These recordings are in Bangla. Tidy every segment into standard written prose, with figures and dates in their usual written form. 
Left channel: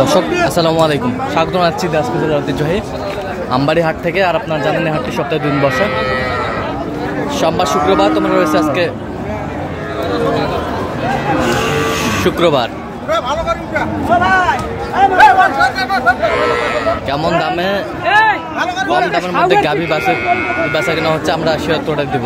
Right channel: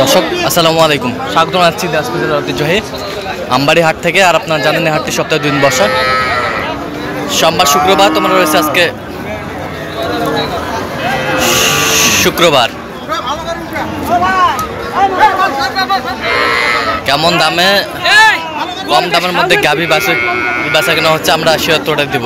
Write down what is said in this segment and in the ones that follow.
দর্শক আসসালামু আলাইকুম, স্বাগত জানাচ্ছি দিনাজপুর জেলার ঐতিহ্যবাহী আমবাড়ি হাট থেকে। আর আপনারা জানেন এই হাটটি সপ্তাহে 2 দিন বসে, সোমবার শুক্রবার। তোমরা রয়েছে আজকে শুক্রবার। কেমন দামে, কম দামের মধ্যে গাভী বেচা কেনা হচ্ছে, আমরা শিওরটা দেব।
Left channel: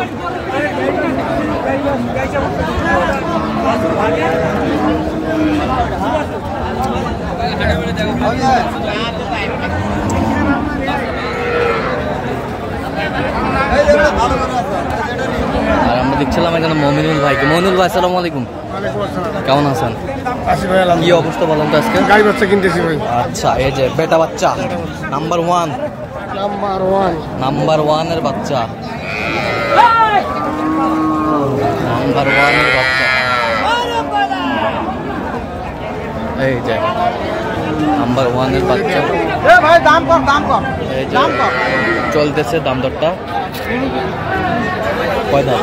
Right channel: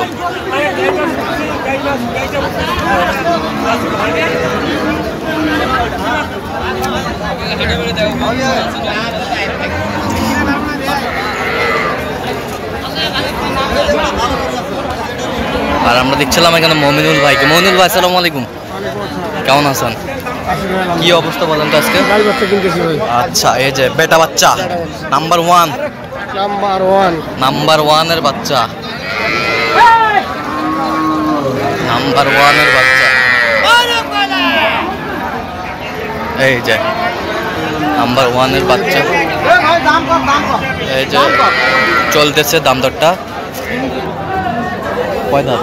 আর আমরা দেখছিলাম এখানে মমিনুল ভাইকে। মমিনুল ভাই আসসালামু আলাইকুম, কেমন আছেন? কি অবস্থা বলেন তো আজকে? আচ্ছা, এই যে বেটা বাচ্চা নাম্বার ওয়ান এর বাচ্চা, এই যে নাম্বার 1 এর বাচ্চা। এই যে চলতেছে দাম দরটা। কয় দাঁত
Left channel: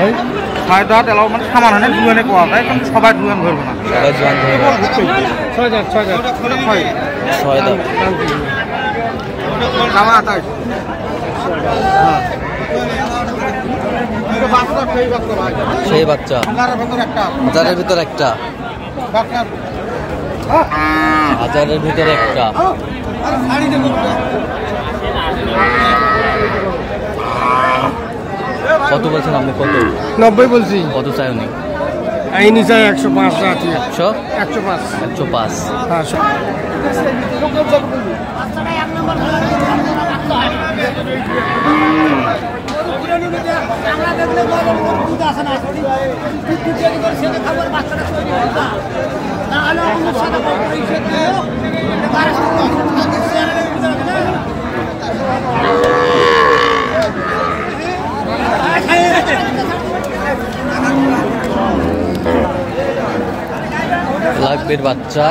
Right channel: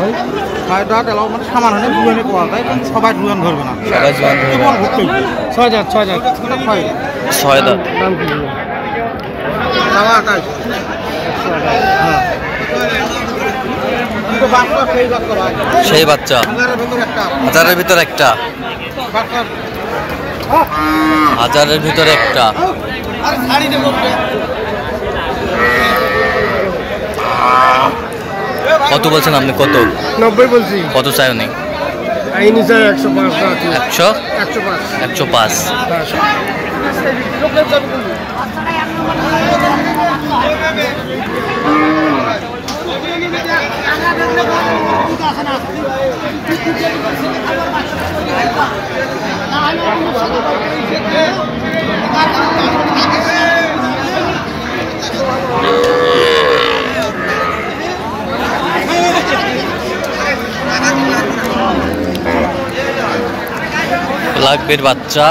ভাই? 6 দাঁত এলাও, মানে সামান হয় না, দুজনে কোয়া যায়, সবাই দুজন ধরবে না, সবাই জোয়ান ধরবে। 6 দাঁত 6 দাঁত। সেই বাচ্চা 1000-এর ভিতর একটা, 1000-এর ভিতর একটা। কত বলছেন আপনি? কত? 90 বলছি। কত চাই উনি? আইনি চাই 105 টাকা। 105। লাগবের বাচ্চা।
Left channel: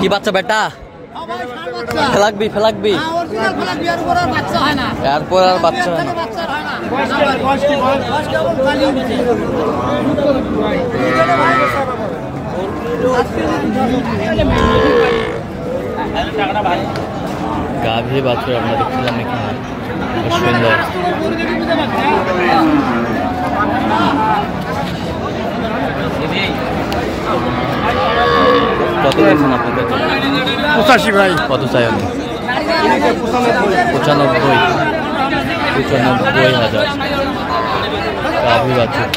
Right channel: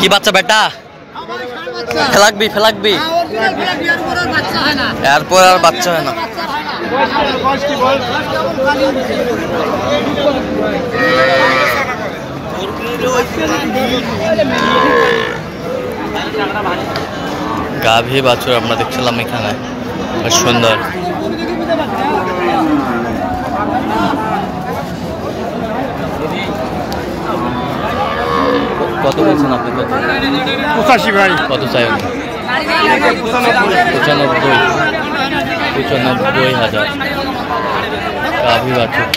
কি বাচ্চা বেটা? ফেলাকবি এরপর আর বাচ্চা হয় না। গাভী বাছুর আমরা দেখছিলাম এখানে, বেশ সুন্দর। কত বলছেন আপনি? কত? 85 ভাই। কত চাই উনি? 95,000 গাভী বাছুর।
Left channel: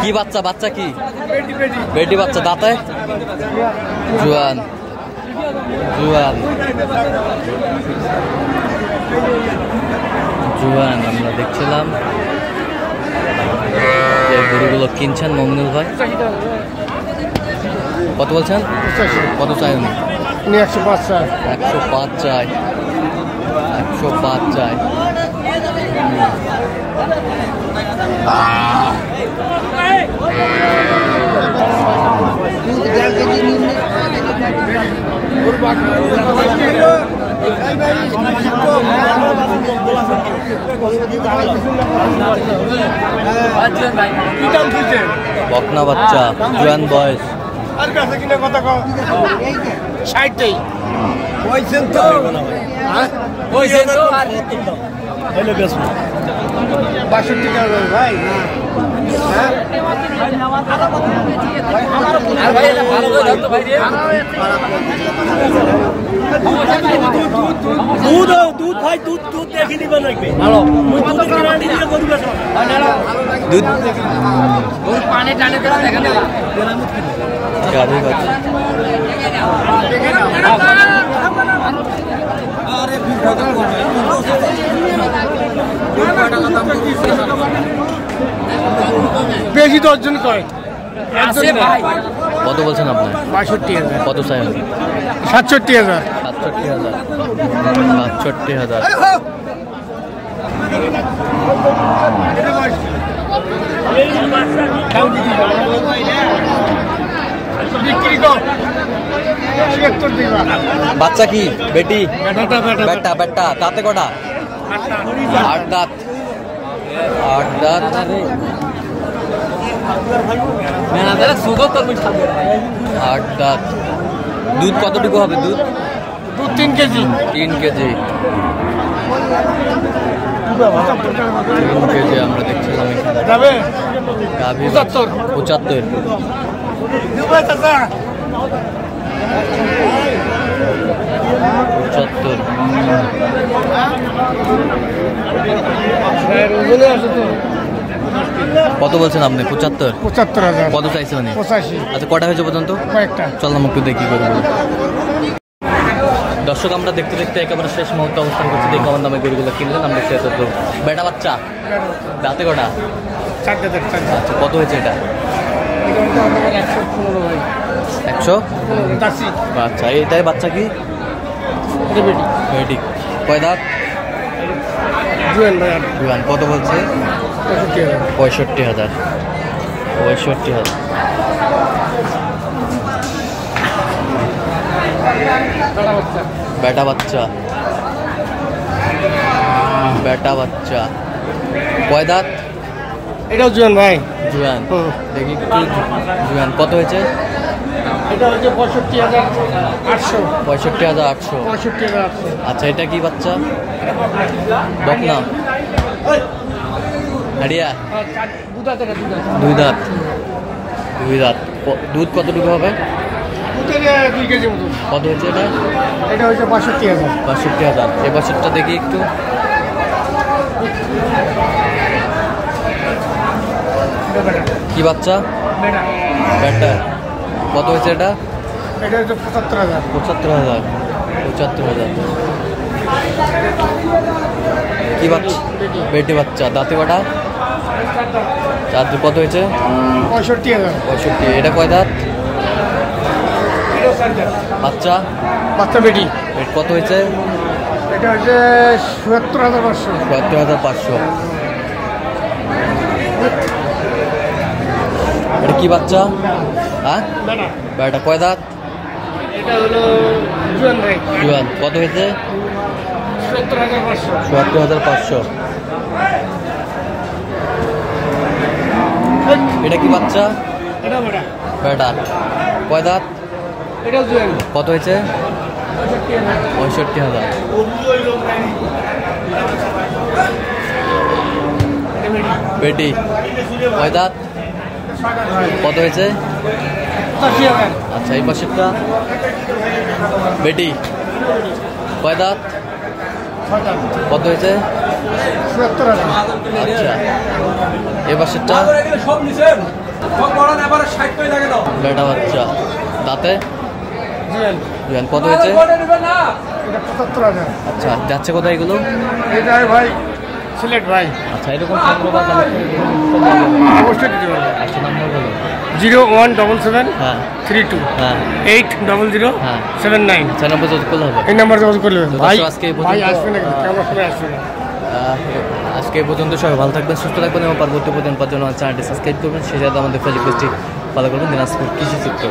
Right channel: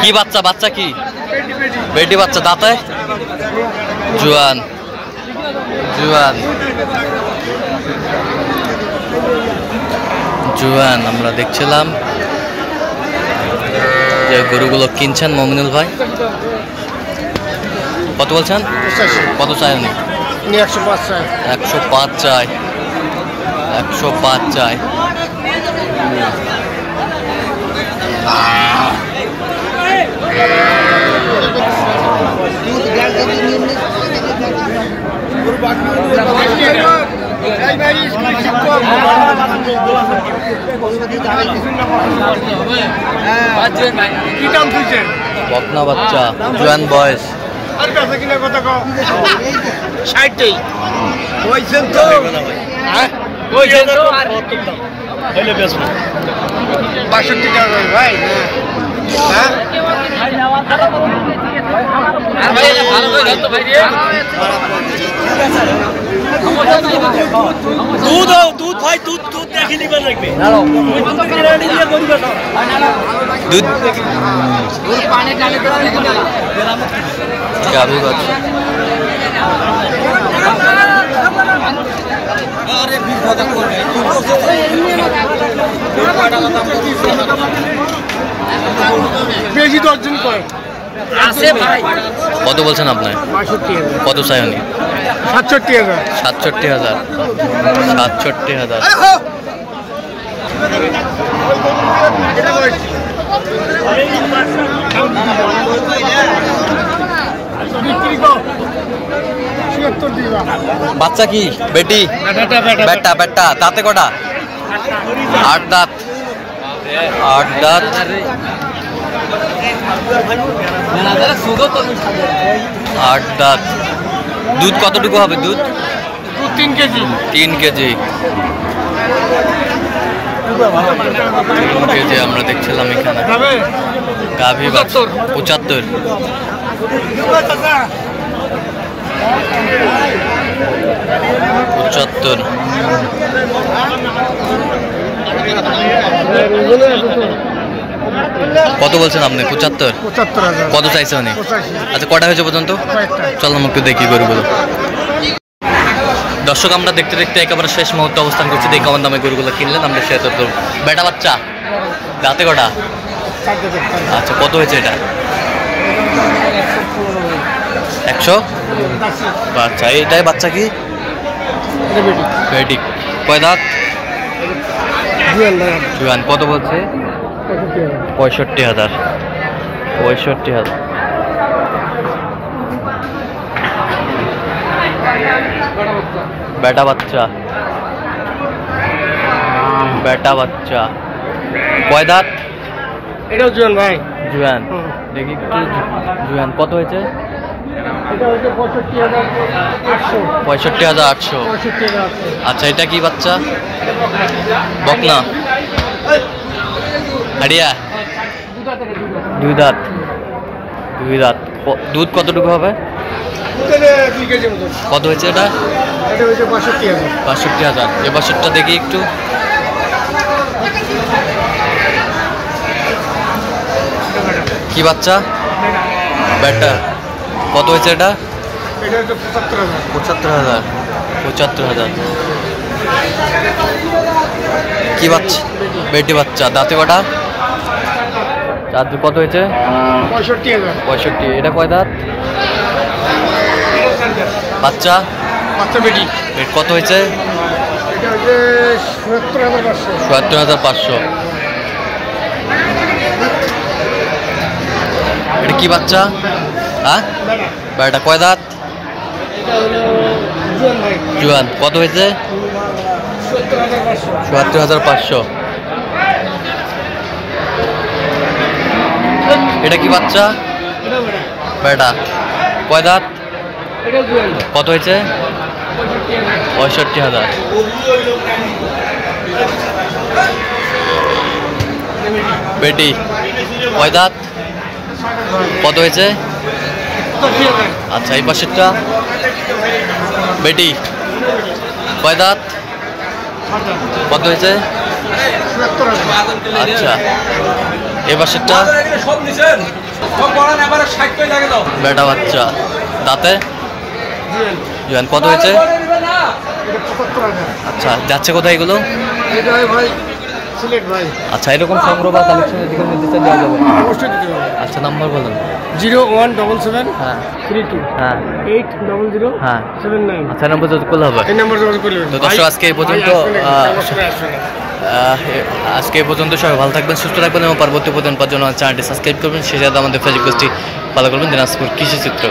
কি বাচ্চা? বাচ্চা কি? বেটি বাচ্চা, দাঁতে জোয়ান। আমরা দেখছিলাম যে গরুগুলো কিনছেন মমিনুল ভাই। কত বলছেন? কত চাই উনি? 105 চাই। 105 চাই। বকনা বাচ্চা, জোয়ান বয়স। দুধ ভাই দুধ দুধ দেখে নিবার লাগবে দুধ গাভী বাচ্চা বেশি অর্জন করে কত বলছেন আপনার? ৬২,০০০। কত চাই উনি? ৬৭,০০০। ৬৭,০০০। ৬৭,০০০। বাচ্চা কি বেটি? বেটা বেটা। দাঁতে কটা? ৮ দাঁত। ৮ দাঁত। আট দাঁত। দুধ কতটুকু হবে? দুধ ৩ কেজি। 3 কেজি। 3 কেজি আমরা দেখছিলাম এখানে। গাভী বাচ্চা ৭৫। ৭৫। কত বলছেন আপনি? ৭৫। ৭৫,০০০। কত চাইছে উনি? ৮৫। আচ্ছা কটা হয়েছে পর্যন্ত? কয়েকটা। চল আমি একটু দেখি গরুগুলো। দর্শক আমরা দেখতে দেখতে একেবারে শেষ মুহূর্তে অবস্থান করছি। দেখি কেমন দামে গরুগুলো কিনলেন আমরা শেয়ার করতে। বেটা বাচ্চা দাঁতে কটা? আচ্ছা কত হয়েছে এটা? ১০০। আচ্ছা এটাই বাচ্চা কি? বেটি। কয় দাঁত? জুয়ান। কত বলছে? ৬৫,০০০। ৬৫,০০০। বেটা বাচ্চা। বেটা বাচ্চা। কয় দাঁত? এটাও জুয়ান ভাই। জুয়ান। দেখি একটু জুয়ান। কত হয়েছে? এটা হচ্ছে ৬৫,৮০০। ৬৫,৮০০। ৬৫,৮০০। আচ্ছা এটা কি বাচ্চা? বকনা। হাড়িয়া। 2 দাঁত। 2 দাঁত। দুধ কতটুকু হবে? 2 কেজি মতো। কত হয়েছে এটা? এটা হচ্ছে ৬৫,০০০। ৬৫,০০০। এ বছরটা দেখি একটু। কি বাচ্চা? বেটা। কত হয়েছে এটা? এটা হচ্ছে ৭৫,০০০। ৭৫,০০০। ৭৫,০০০। কি বাচ্চা? বেটি বাচ্চা। দাঁতে কটা? 4 দাঁত। কত হয়েছে? ৬৫,০০০। 65। এটা কয় দাঁত? বাচ্চা? বাচ্চা বেটি। কত হয়েছে? এটা হচ্ছে ৭৭,৫০০। ৭৭,৫০০। এটা কি বাচ্চা? হ্যাঁ বেটা। কয় দাঁত? এটা হলো জুয়ান ভাই। জুয়ান। কত হয়েছে? ৭৭,৫০০। ৭৭,৫০০। এটা কি বাচ্চা? এটা বেটা। বেটা। কয় দাঁত? এটা জুয়ান। কত হয়েছে? ৬৫,০০০। বেটি। কয় দাঁত? কত হয়েছে? ৮০,০০০। আচ্ছা এই পাশেরটা? বেটি। কয় দাঁত? কত হয়েছে? ৭৭,০০০। আচ্ছা এ পাশেরটা? বেটা বাচ্চা। দাঁতে? জুয়ান। জুয়ান। কত হয়েছে? এটা ৭৫,০০০। আচ্ছা যাচ্ছে কোথায় এগুলো? এটা ভাই সিলেট ভাই। আচ্ছা এরকম সংগ্রহ বা কালেকশন অবশ্যই দিতে পারবো। আচ্ছা নাম্বার বলুন। 0177 হ্যাঁ 32 হ্যাঁ 800 হ্যাঁ 79। আচ্ছা নম্বর যদি করলে হবে। এই নাম্বার যোগাযোগ করলে তো দর্শক আজকে এই পর্যন্ত আজকে এই পর্যন্ত সবাই ভালো থাকবেন, সুস্থ থাকবেন এবং পরবর্তী প্রতিদিন পাওয়ার জন্য চ্যানেলটি সাবস্ক্রাইব করবেন। সেই সাথে আমাদের ফেসবুক পেজটি ফলো করবেন দিনাজপুর কৃষি চিত্র।